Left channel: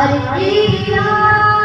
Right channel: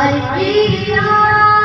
हर की